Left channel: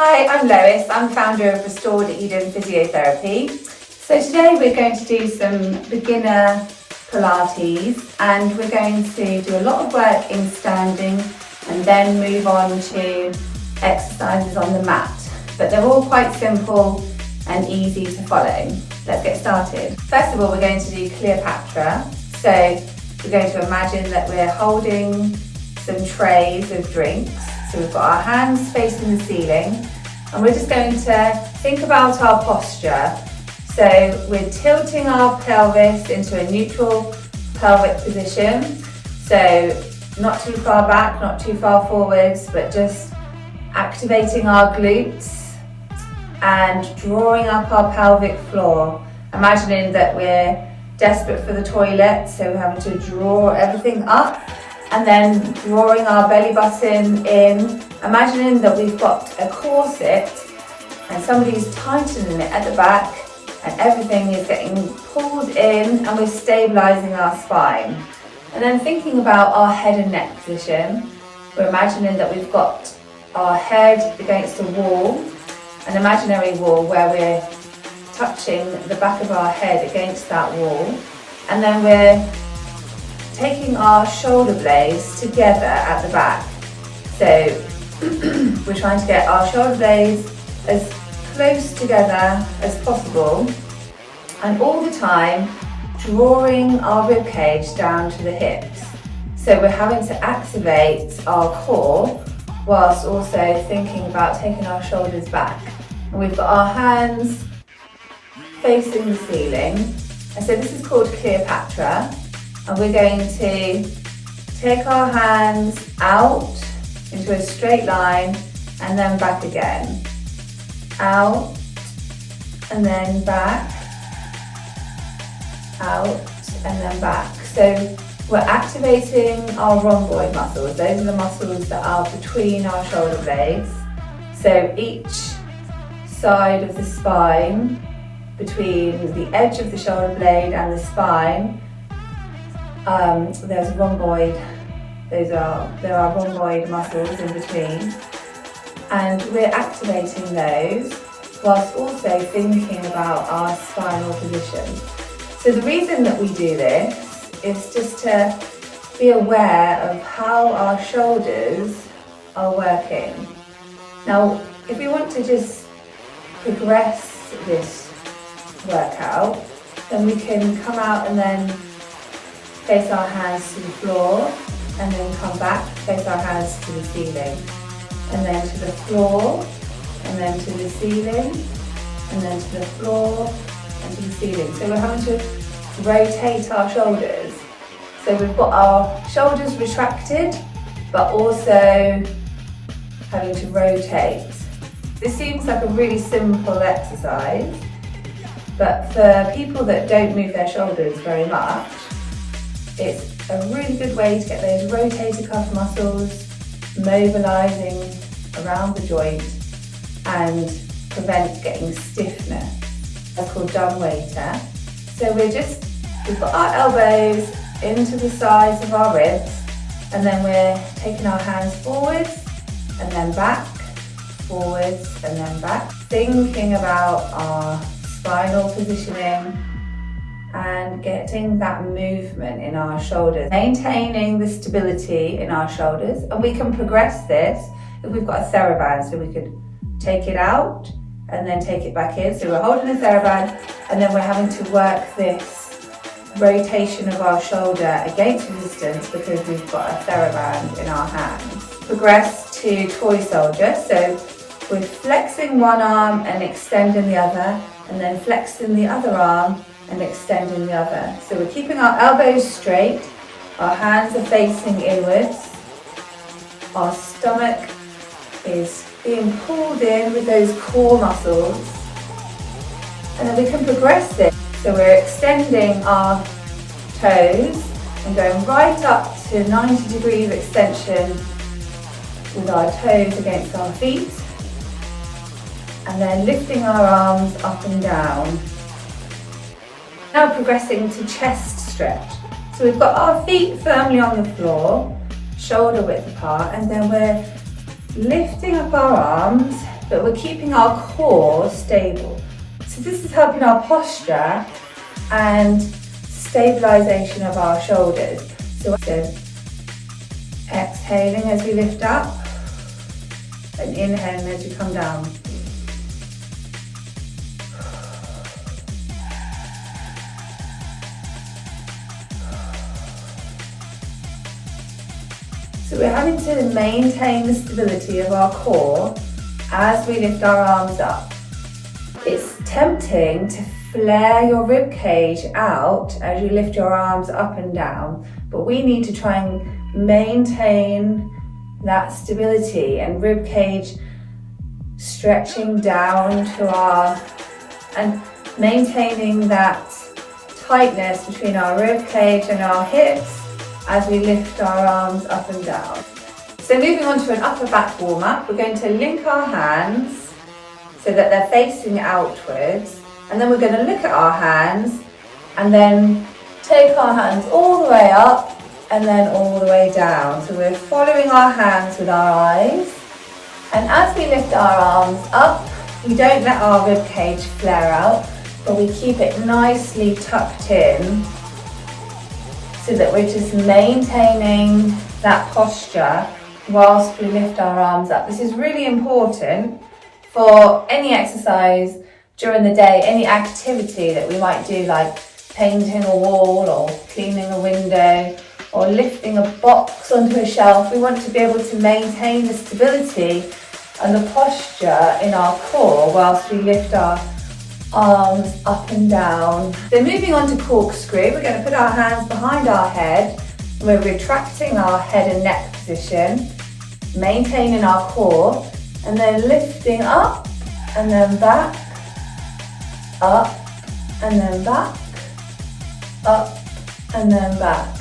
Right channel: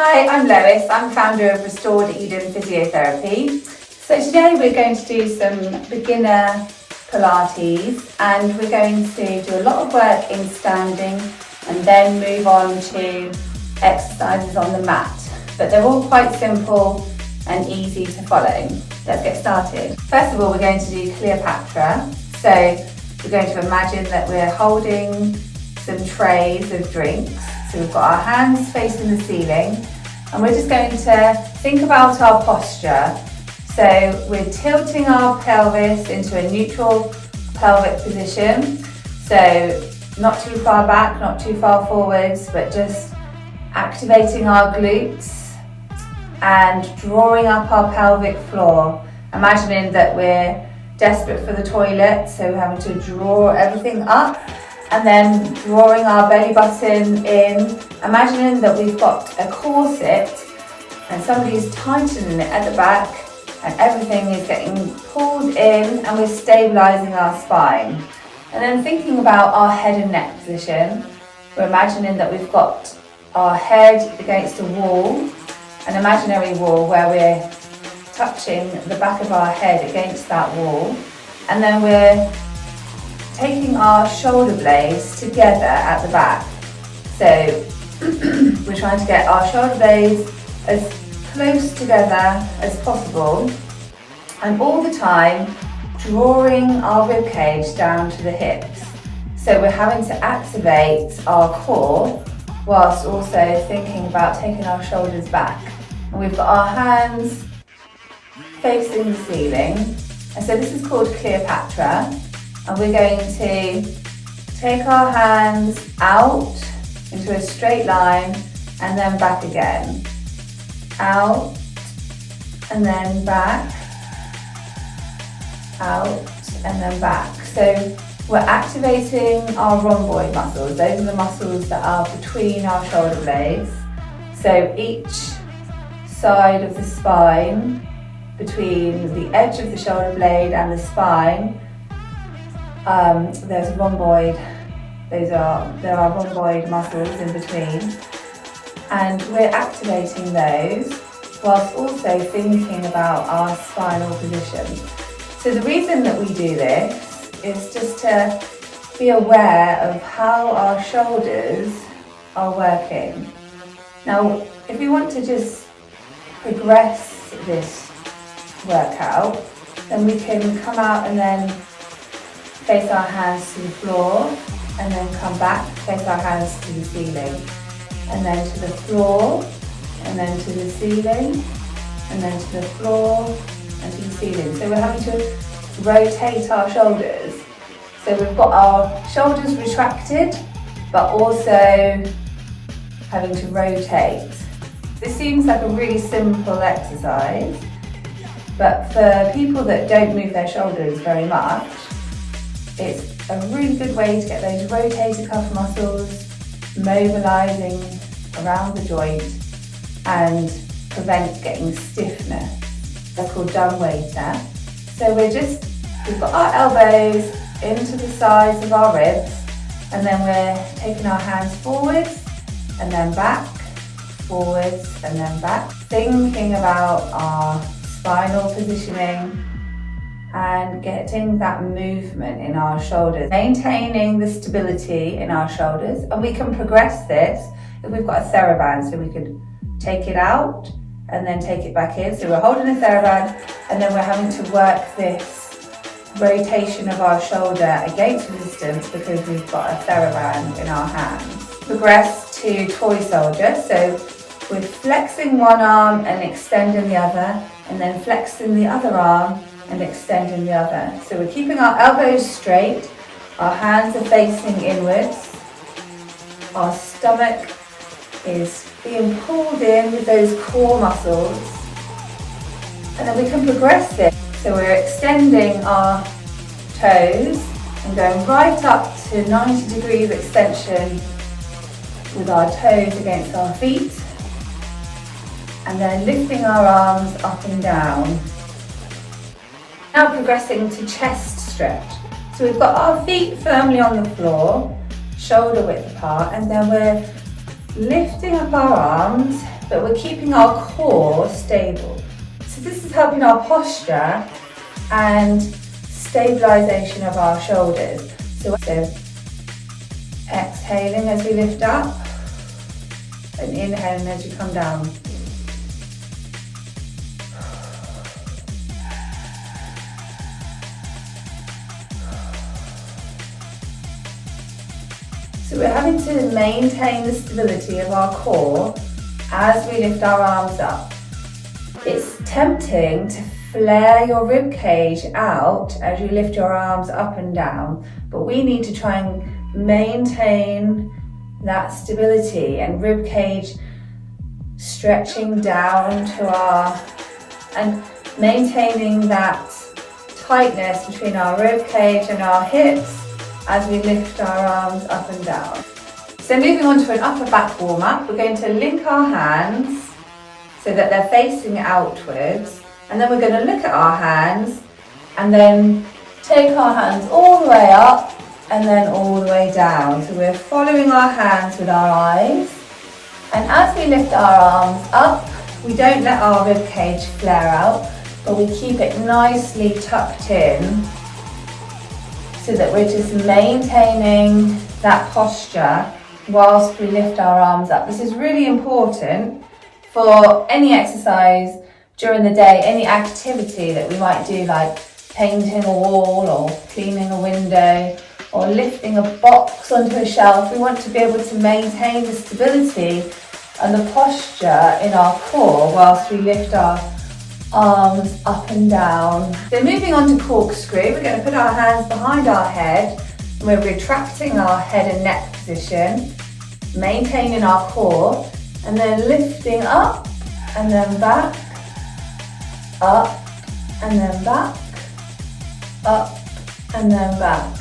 Hi, I'm Lois. I'm founder of Restored Eden Physiotherapy. So today we're going to do some beginner Pilates, and we're going to do a lot of work in standing and then move on to exercises on the mat. But they're all quite simple and easy to follow. Let's get started. First of all, we're going to do Cleopatra. So we're going to imagine that we're holding some trays of drinks. So we've got our hands facing the ceiling, and we're just going to think about our posture. So we're tilting our pelvis into a neutral pelvic position. So not too far back, not too far forwards, but just activating our glutes and drawing up our pelvic floor. Imagining that we're desperate for the toilet, so we're having to draw everything up. And then drawing our belly button in, imagining that we've got a corset and somebody's tightening it at the back and everything is getting pulled in and we're stabilising our spine. And then thinking about our head and neck position, we're imagining that we've got our head against a wall, an imaginary wall where we're touching the back of our head against that wall, and then we're taking our shoulder blades together at the back. So we're trying to get our shoulder blades as close together as possible, and all the time drawing our rib cage down to the hips. So we're having to activate our core whilst also thinking about taking our shoulders back. And we've got our hands facing the ceiling. And so this is called Cleopatra. And we're going to take our hands out into a straight line and then back again. Out and then back. Out and then back. So we're activating our rhomboid muscles. Those are the muscles that are between our shoulder blades. So each side of the spine, between the edge of the shoulder blade and the spine, there's rhomboid, there are rhomboid muscles in between, and we're activating those whilst also thinking about our spinal position. So the reason that we do this is just to be aware of how our shoulders are working. Now, if we want to just progress this workout, then we can come out and then face our hands to the floor, and then come back, face our hands to the ceiling, and then to the floor, and then to the ceiling, and then to the floor, and to the ceiling. So we're having to rotate our shoulders. So we've got our shoulders retracted, but also having to rotate. This seems like a really simple exercise, but for people that don't move their shoulders very much, it's a really good way to get those rotator cuff muscles mobilising around the joint and prevent getting stiffness. It's called dumb waiter. So we've got our elbows into the sides of our ribs, and then we're taking our hands forwards and then back, forwards and then back, thinking about our spinal positioning and getting that movement in our shoulders, maintaining the stability in our shoulders. And we can progress this if we've got a TheraBand, so we could take it out and then take it back in. So we're holding a TheraBand and then we're having to work this rotation of our shoulder against resistance because we've got a TheraBand in our hands. Progress to toy soldier. So we're flexing one arm and extending the other, and then flexing the other arm and extending the other. So we're keeping our elbows straight, our hands are facing inwards, our stomach is being pulled in with those core muscles, and then we can progress this. So we're extending our toes and going right up to 90 degrees extension with our toes against our feet, and then lifting our arms up and down. Now progressing to chest stretch. So we've got our feet firmly on the floor, shoulder width apart, and then we're lifting up our arms but we're keeping our core stable. So this is helping our posture and stabilisation of our shoulders. So exhaling as we lift up and inhaling as you come down. So we're having to maintain the stability of our core as we lift our arms up. It's tempting to flare your rib cage out as you lift your arms up and down, but we need to try and maintain that stability and rib cage stretching down to and maintaining that tightness between our rib cage and our hips as we lift our arms up and down. So moving on to an upper back warm up, we're going to link our hands so that they're facing outwards, and then we're going to look at our hands and then take our hands all the way up and then all the way down. So we're following our hands with our eyes, and as we lift our arms up, we don't let our rib cage flare out, but we keep it nicely tucked in so that we're just maintaining that posture whilst we lift our arms up. This is really important for any exercise during the day, any activity that we might do, like painting a wall or cleaning a window or lifting a box onto a shelf. We want to be able to maintain the stability and the posture in our core whilst we lift our arms up and down. So moving on to corkscrew, we're going to put our hands behind our head. We're retracting our head and neck position, maintaining our core, and then lifting up and then back, up and then back, up and then back.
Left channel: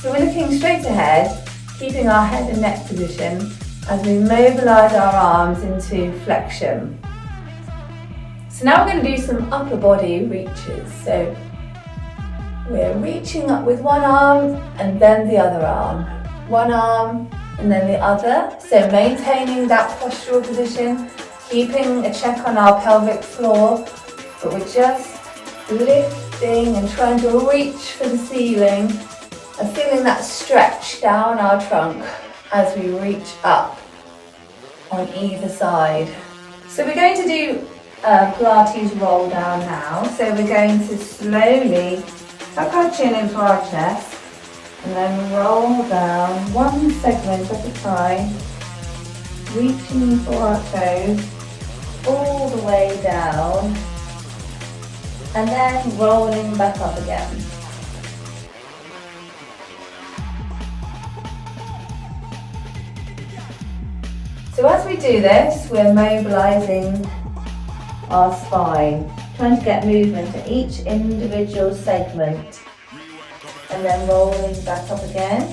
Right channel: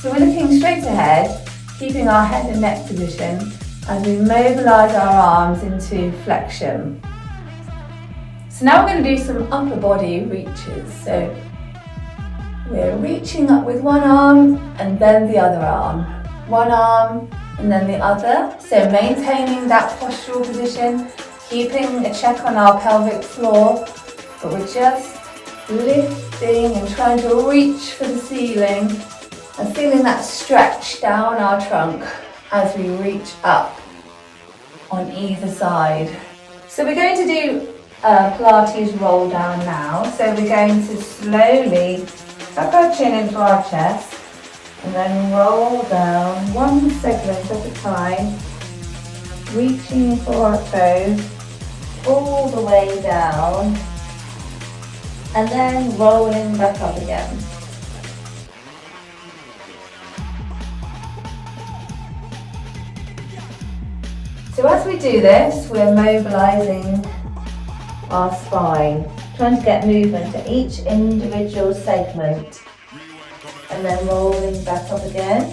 So we're looking straight ahead, keeping our head and neck position as we mobilise our arms into flexion. So now we're going to do some upper body reaches. So we're reaching up with one arm and then the other arm. One arm and then the other. So maintaining that postural position, keeping a check on our pelvic floor, but we're just lifting and trying to reach for the ceiling and feeling that stretch down our trunk as we reach up on either side. So we're going to do Pilates roll down now. So we're going to slowly tuck our chin into our chest and then roll down one segment at a time, reaching for our toes all the way down and then rolling back up again. So as we do this, we're mobilising our spine, trying to get movement to each individual segment and then rolling back up again.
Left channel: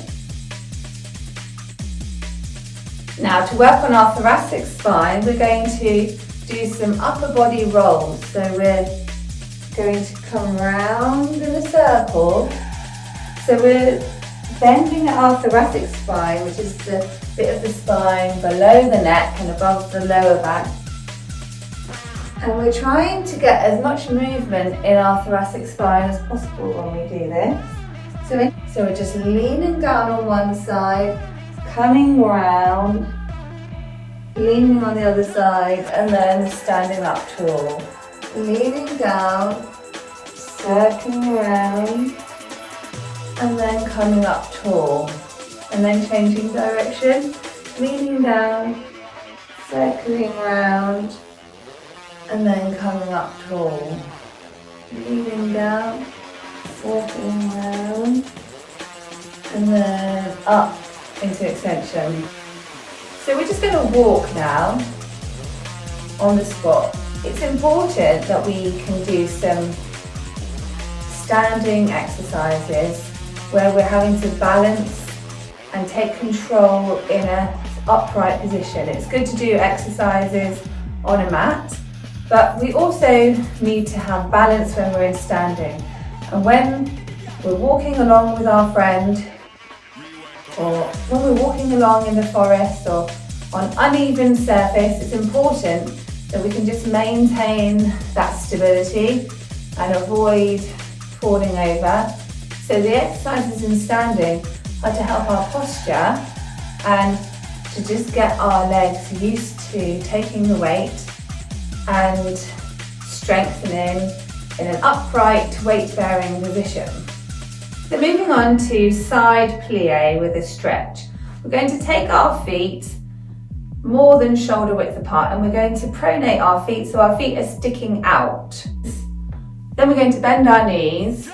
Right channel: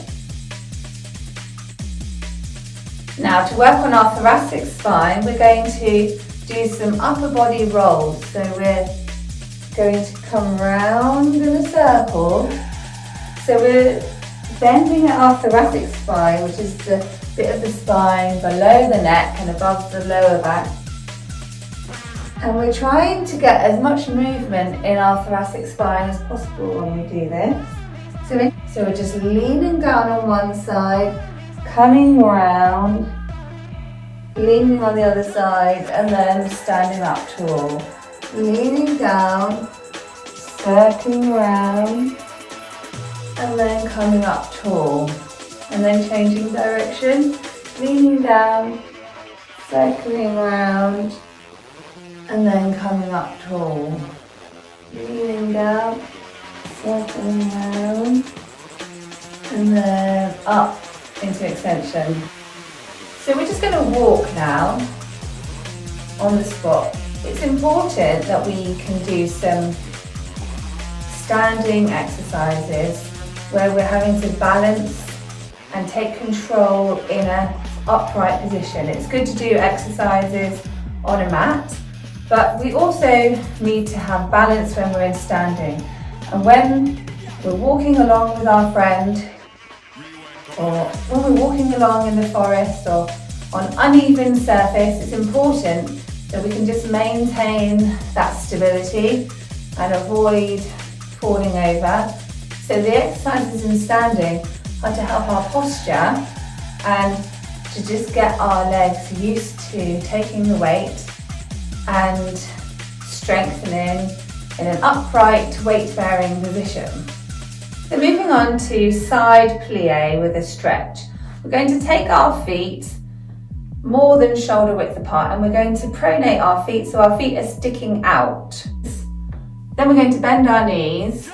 Now to work on our thoracic spine, we're going to do some upper body rolls. So we're going to come round in a circle. So we're bending at our thoracic spine, which is the bit of the spine below the neck and above the lower back. And we're trying to get as much movement in our thoracic spine as possible when we do this. So we're just leaning down on one side, coming round, leaning on the other side, and then standing up tall. Leaning down, circling around, and then coming up tall. And then changing direction, leaning down, circling around, and then coming up tall. Leaning down, circling around, and then up into extension. So we're just going to walk now on the spot. It's important that we can do some standing exercises where we're having to balance and take control in an upright position. It's good to do exercises on a mat, but we also need to have balance when we're in standing. And when we're walking along with our friend, or when we're walking along in the forest or on uneven surface, it's important that we can just maintain that stability and avoid falling over. So the exercises in standing are to help our posture and to just get our legs used to taking the weight and strengthening in an upright weight-bearing position. So moving on to side plie with a stretch. We're going to take our feet more than shoulder width apart and we're going to pronate our feet so our feet are sticking out. Then we're going to bend our knees.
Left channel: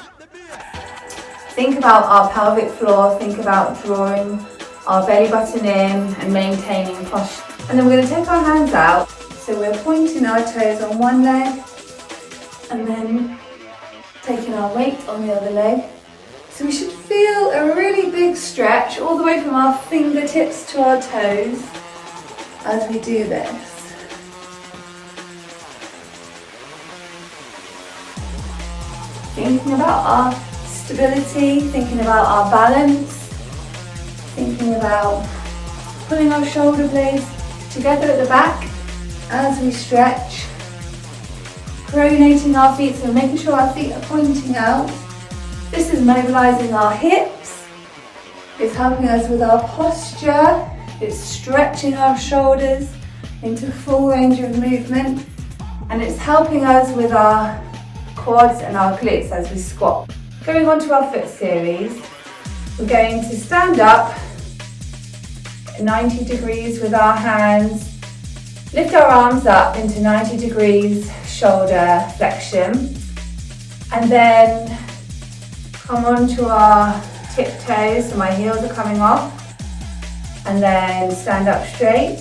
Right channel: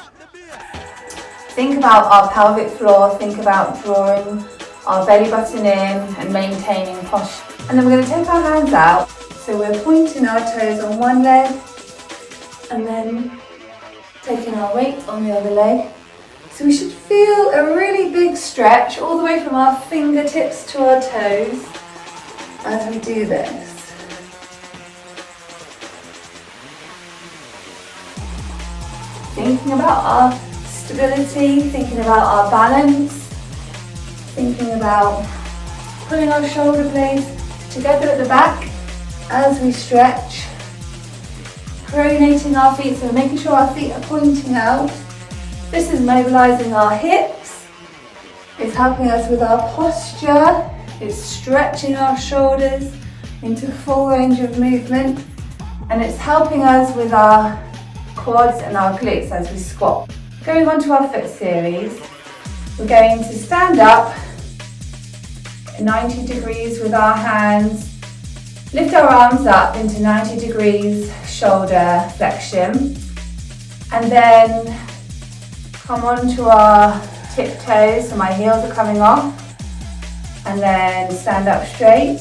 Think about our pelvic floor, think about drawing our belly button in and maintaining posture. And then we're going to take our hands out. So we're pointing our toes on one leg and then taking our weight on the other leg. So we should feel a really big stretch all the way from our fingertips to our toes as we do this. Thinking about our stability, thinking about our balance, thinking about pulling our shoulder blades together at the back as we stretch, pronating our feet, so making sure our feet are pointing out. This is mobilising our hips, it's helping us with our posture, it's stretching our shoulders into full range of movement, and it's helping us with our quads and our glutes as we squat. Going on to our foot series, we're going to stand up 90 degrees with our hands, lift our arms up into 90 degrees shoulder flexion, and then come onto our tiptoes, so my heels are coming off, and then stand up straight,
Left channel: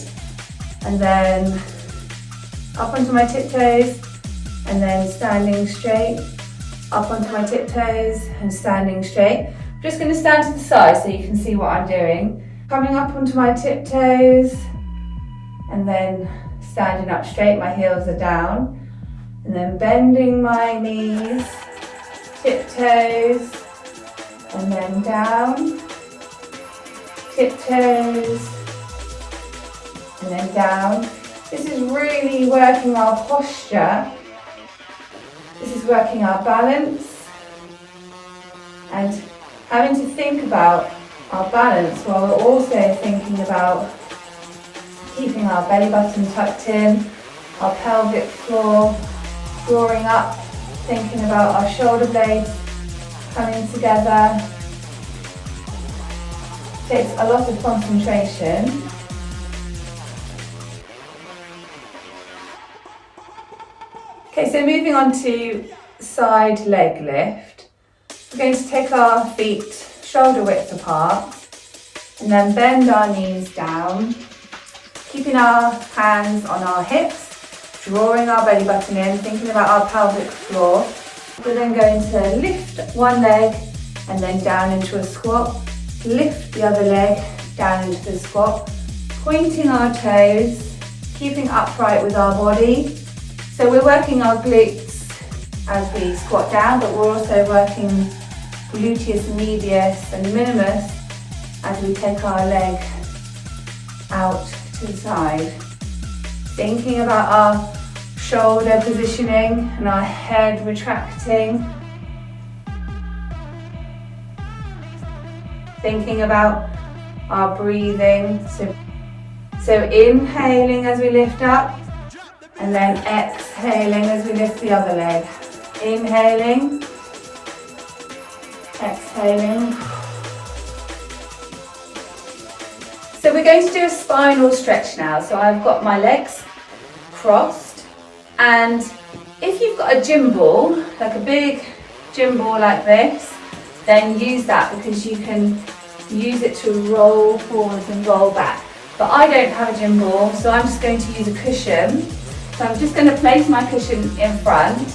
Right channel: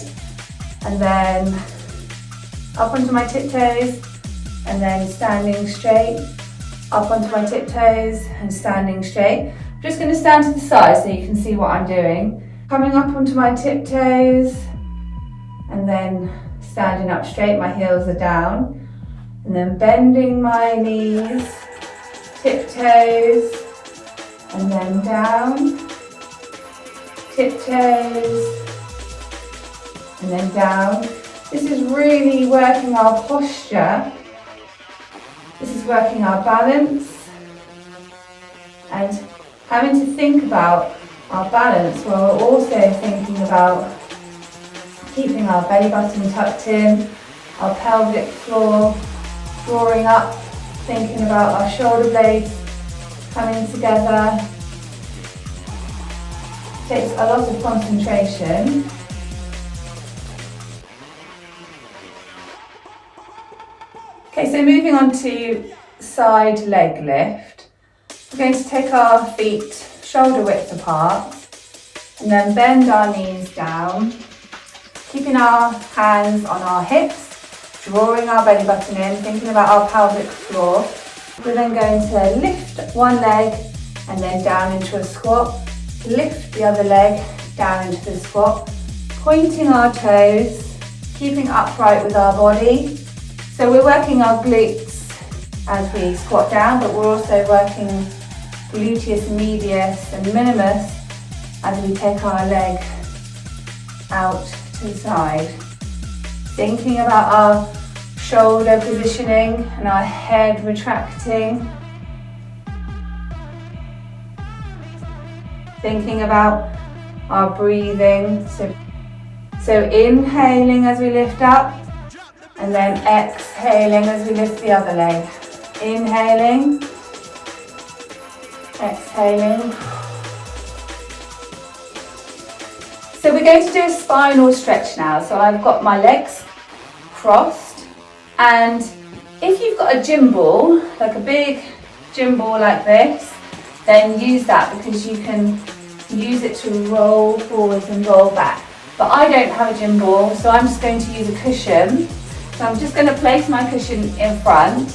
and then up onto my tiptoes, and then standing straight, up onto my tiptoes and standing straight. I'm just going to stand to the side so you can see what I'm doing. Coming up onto my tiptoes and then standing up straight, my heels are down, and then bending my knees, tiptoes, and then down, tiptoes, and then down. This is really working our posture. This is working our balance and having to think about our balance while we're also thinking about keeping our belly button tucked in, our pelvic floor drawing up, thinking about our shoulder blades coming together. Takes a lot of concentration. Okay, so moving on to side leg lift. We're going to take our feet shoulder width apart and then bend our knees down, keeping our hands on our hips, drawing our belly button in, thinking about our pelvic floor. We're then going to lift one leg and then down into a squat, lift the other leg down into the squat, pointing our toes, keeping upright with our body. So we're working our glutes as we squat down, but we're also working gluteus medius and minimus as we take our leg out to the side. Thinking about our shoulder positioning and our head retracting. Thinking about our breathing. So inhaling as we lift up and then exhaling as we lift the other leg. Inhaling, exhaling. So we're going to do a spinal stretch now. So I've got my legs crossed, and if you've got a gym ball, like a big gym ball like this, then use that because you can use it to roll forwards and roll back. But I don't have a gym ball, so I'm just going to use a cushion. So I'm just going to place my cushion in front,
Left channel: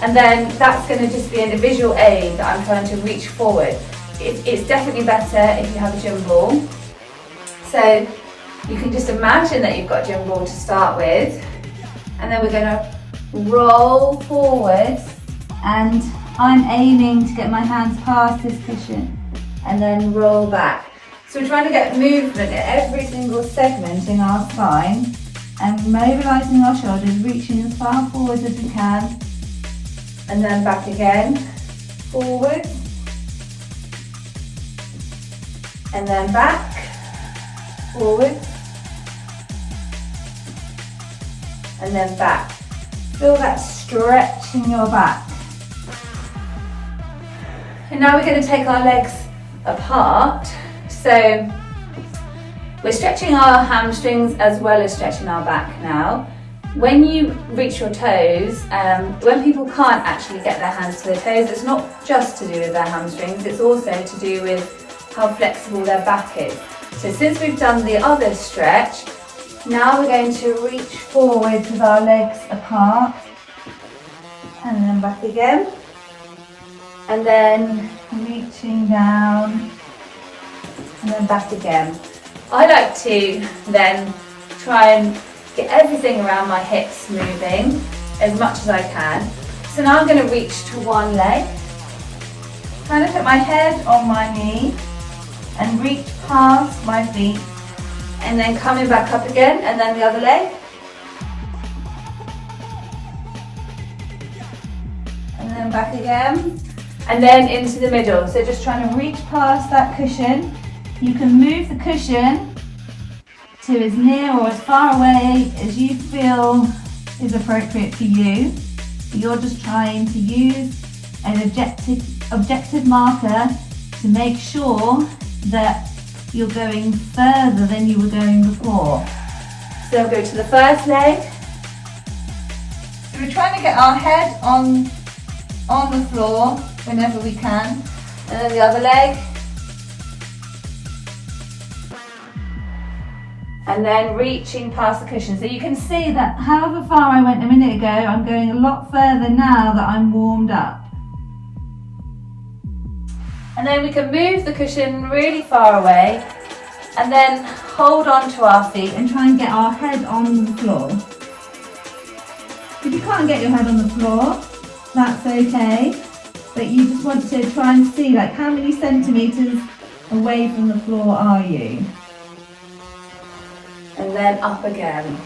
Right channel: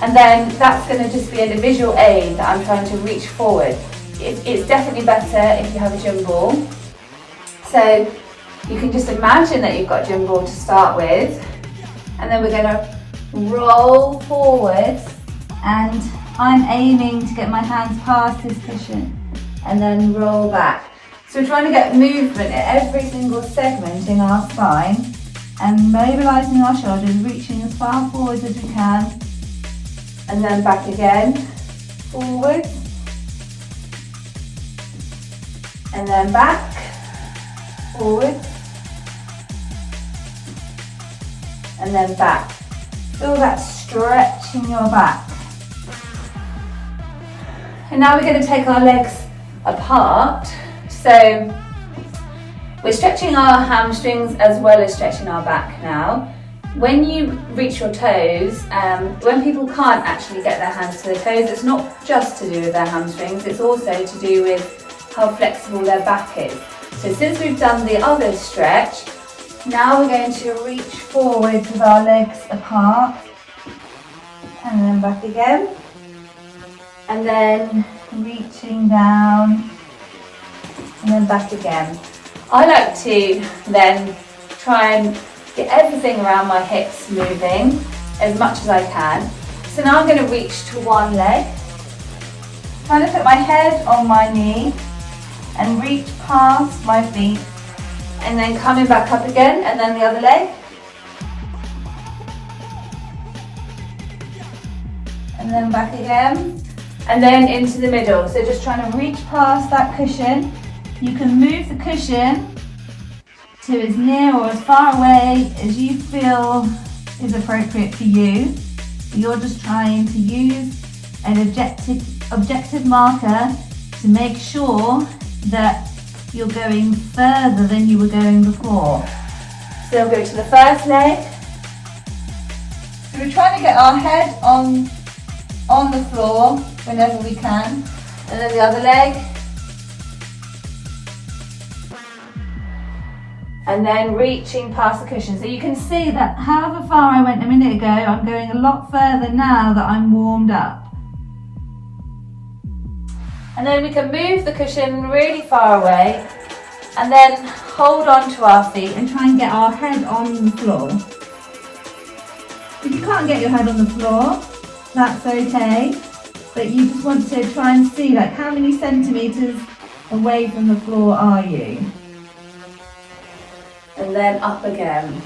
and then that's going to just be a visual aid that I'm trying to reach forward. It's definitely better if you have a gym ball. So you can just imagine that you've got a gym ball to start with, and then we're going to roll forward, and I'm aiming to get my hands past this cushion and then roll back. So we're trying to get movement at every single segment in our spine and mobilising our shoulders, reaching as far forward as we can, and then back again, forward, and then back, forward, and then back. Feel that stretch in your back. And now we're going to take our legs apart. So we're stretching our hamstrings as well as stretching our back now. When you reach your toes, when people can't actually get their hands to their toes, it's not just to do with their hamstrings, it's also to do with how flexible their back is. So since we've done the other stretch, now we're going to reach forward with our legs apart, and then back again, and then reaching down, and then back again. I like to then try and get everything around my hips moving as much as I can. So now I'm going to reach to one leg, kind of put my head on my knee and reach past my feet, and then coming back up again, and then the other leg. And then back again, and then into the middle. So just trying to reach past that cushion. You can move the cushion to as near or as far away as you feel is appropriate for you. You're just trying to use an objective marker to make sure that you're going further than you were going before. So we'll go to the first leg. So we're trying to get our head on the floor whenever we can. And then the other leg. And then reaching past the cushion. So you can see that however far I went a minute ago, I'm going a lot further now that I'm warmed up. And then we can move the cushion really far away and then hold on to our feet and try and get our head on the floor. If you can't get your head on the floor, that's okay, but you just want to try and see like how many centimetres away from the floor are you. And then up again.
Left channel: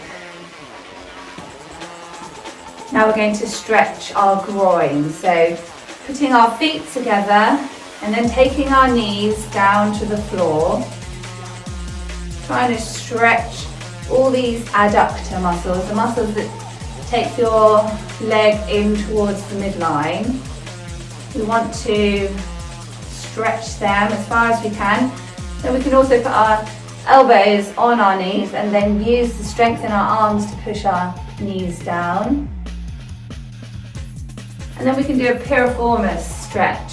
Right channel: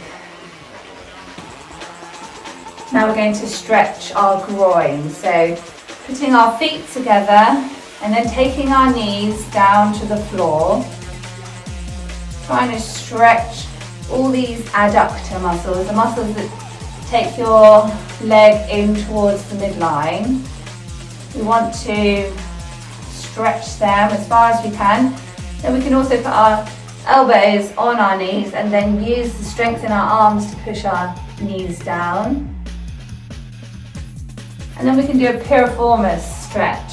Now we're going to stretch our groin. So putting our feet together and then taking our knees down to the floor. Trying to stretch all these adductor muscles, the muscles that take your leg in towards the midline. We want to stretch them as far as we can. Then we can also put our elbows on our knees and then use the strength in our arms to push our knees down. And then we can do a piriformis stretch.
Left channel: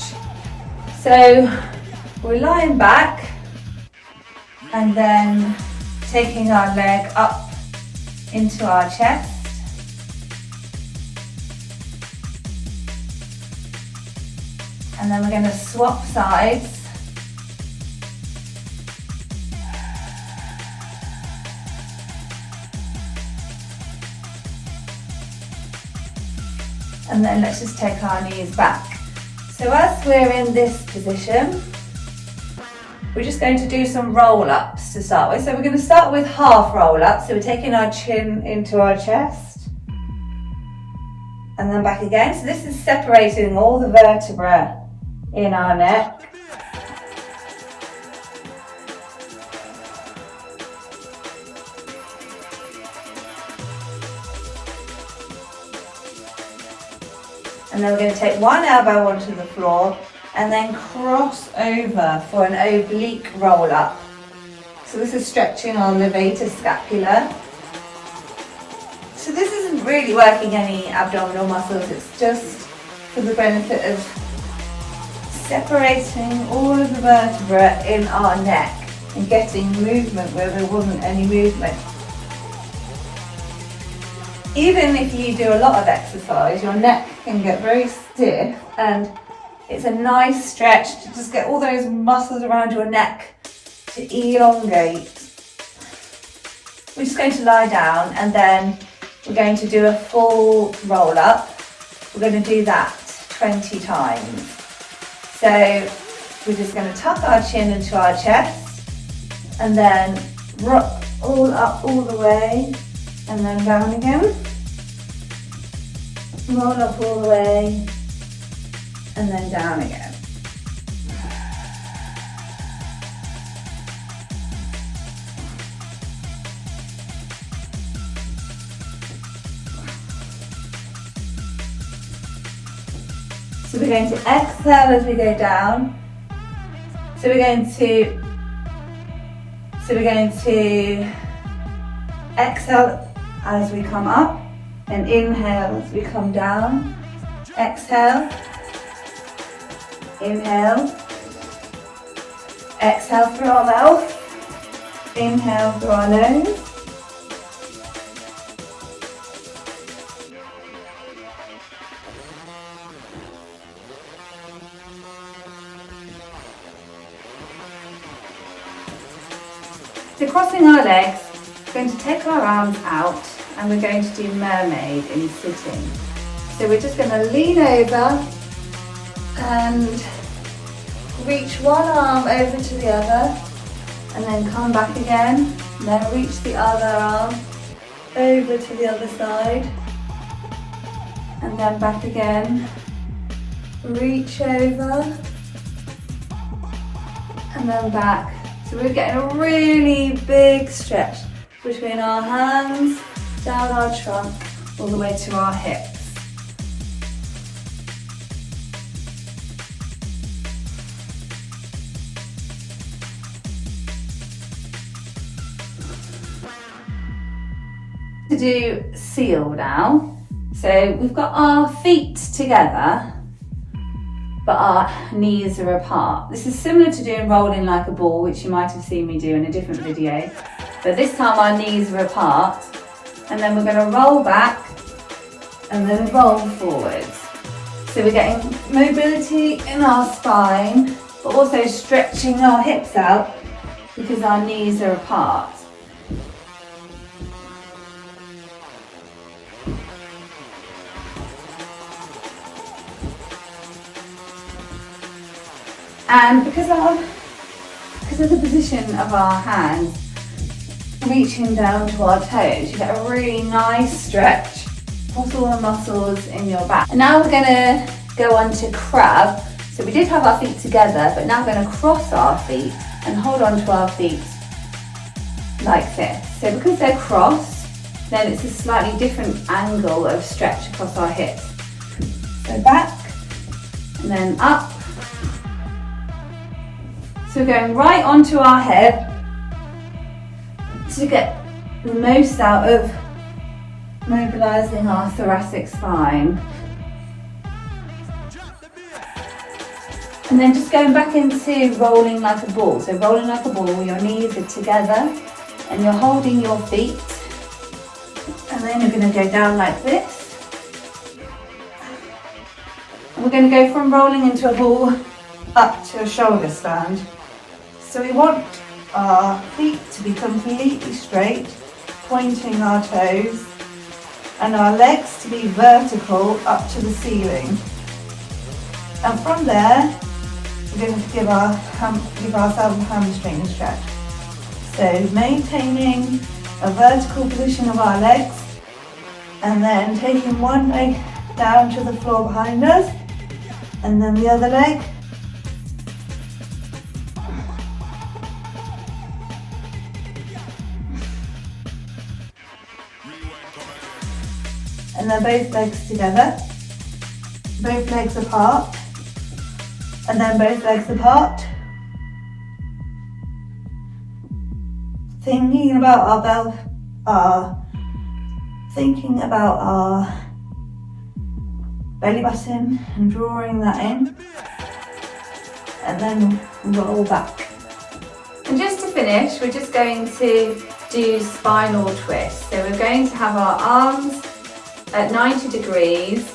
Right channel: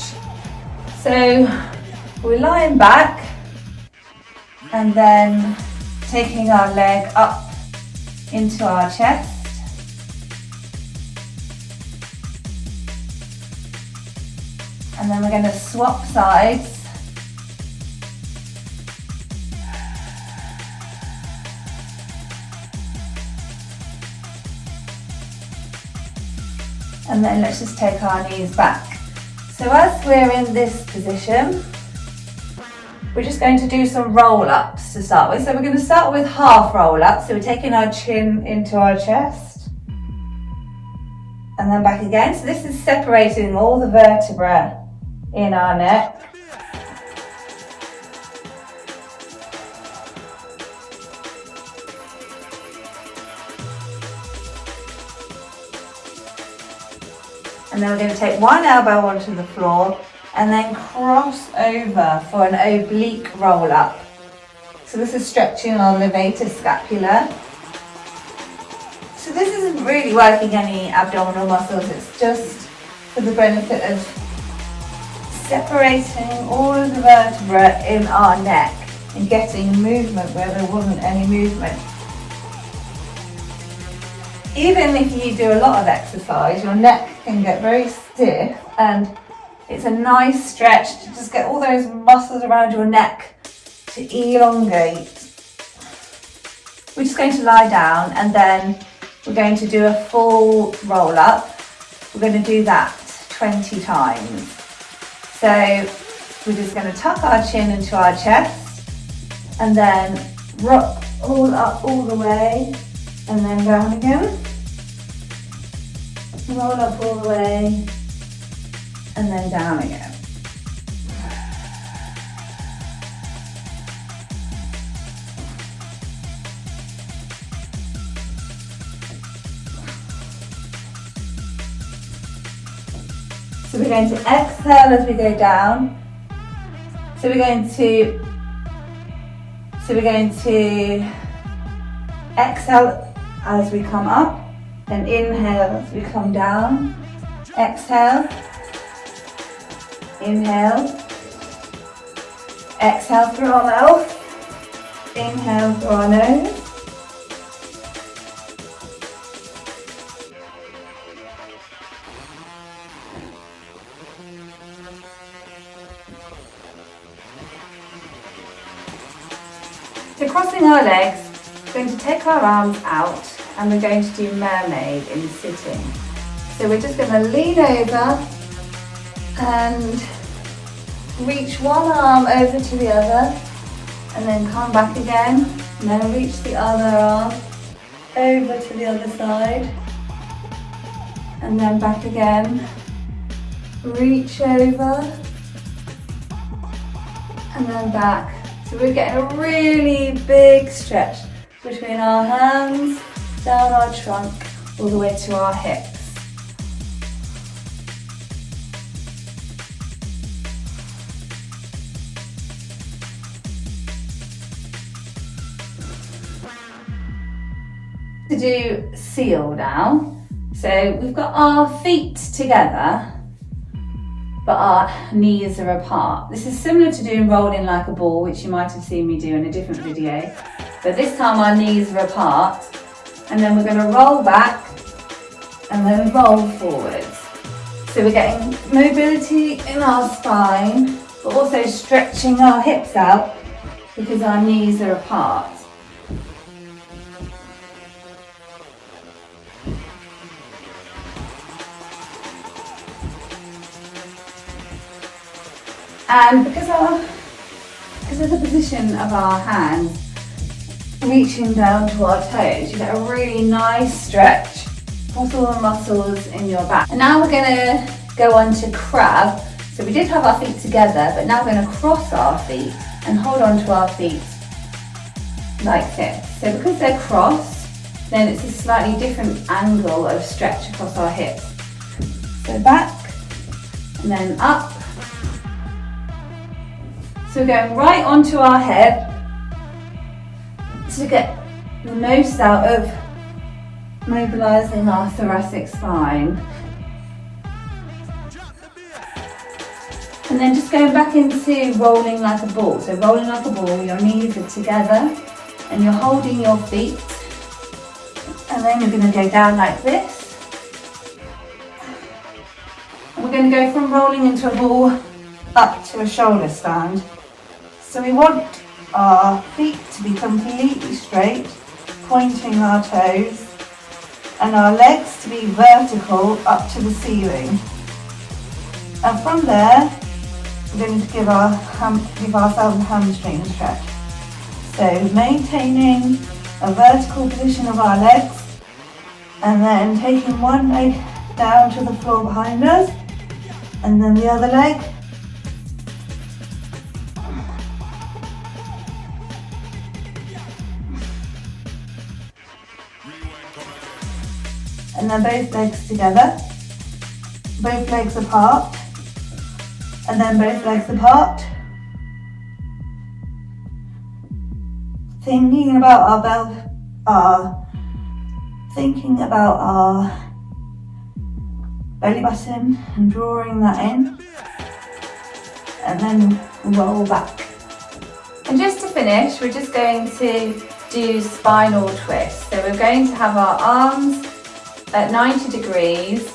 So we're lying back and then taking our leg up into our chest. And then we're going to swap sides. And then let's just take our knees back. So as we're in this position, we're just going to do some roll-ups to start with. So we're going to start with half roll-ups. So we're taking our chin into our chest and then back again. So this is separating all the vertebrae in our neck. And then we're going to take one elbow onto the floor and then cross over for an oblique roll up. So this is stretching our levator scapula. So this isn't really working any abdominal muscles, it's just for the benefit of separating all of the vertebrae in our neck and getting movement where there wasn't any movement. Even if you do a lot of exercise, your neck can get very stiff, and it's a nice stretch to just get all those muscles around your neck to elongate. We're just going to lie down and then we're going to do a full roll up. We're going to do that 20 times. So we're just going to tuck our chin into our chest and then rock all up all the way, and then down again. Roll up all the way, and then down again. So we're going to exhale as we go down. So we're going to exhale as we come up, and inhale as we come down. Exhale, inhale, exhale through our mouth, inhale through our nose. So crossing our legs, we're going to take our arms out and we're going to do mermaid in sitting. So we're just going to lean over and reach one arm over to the other, and then come back again, and then reach the other arm over to the other side, and then back again, reach over, and then back. So we're getting a really big stretch between our hands, down our trunk, all the way to our hips. To do seal now. So we've got our feet together, but our knees are apart. This is similar to doing rolling like a ball, which you might have seen me do in a different video. But this time our knees are apart, and then we're going to roll back and then roll forwards. So we're getting mobility in our spine, but also stretching our hips out because our knees are apart. And because of the position of our hands reaching down to our toes, you get a really nice stretch across all the muscles in your back. And now we're going to go on to crab. So we did have our feet together, but now we're going to cross our feet and hold on to our feet like this. So because they're crossed, then it's a slightly different angle of stretch across our hips. So back and then up. So we're going right onto our head to get the most out of mobilising our thoracic spine. And then just going back into rolling like a ball. So rolling like a ball, your knees are together and you're holding your feet. And then you're going to go down like this. And we're going to go from rolling into a ball up to a shoulder stand. So we want our feet to be completely straight, pointing our toes, and our legs to be vertical up to the ceiling. And from there, we're going to give ourselves a hamstring stretch. So maintaining a vertical position of our legs, and then taking one leg down to the floor behind us, and then the other leg. And then both legs together, both legs apart, and then both legs apart. Thinking about our belly button and drawing that in, and then roll back. And just to finish, we're just going to do spinal twists. So we're going to have our arms at 90 degrees,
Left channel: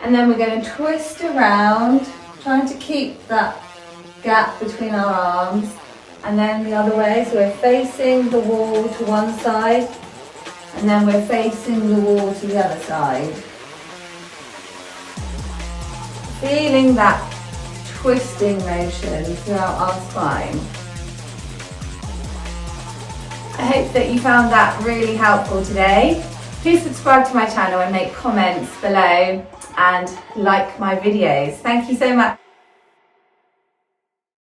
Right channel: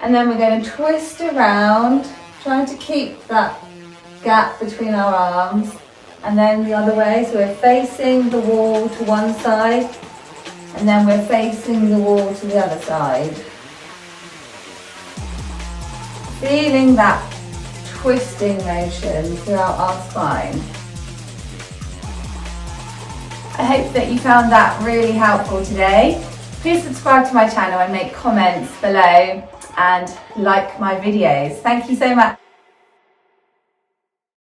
and then we're going to twist around, trying to keep that gap between our arms, and then the other way. So we're facing the wall to one side, and then we're facing the wall to the other side. Feeling that twisting motion throughout our spine. I hope that you found that really helpful today. Please subscribe to my channel and make comments below and like my videos. Thank you so much.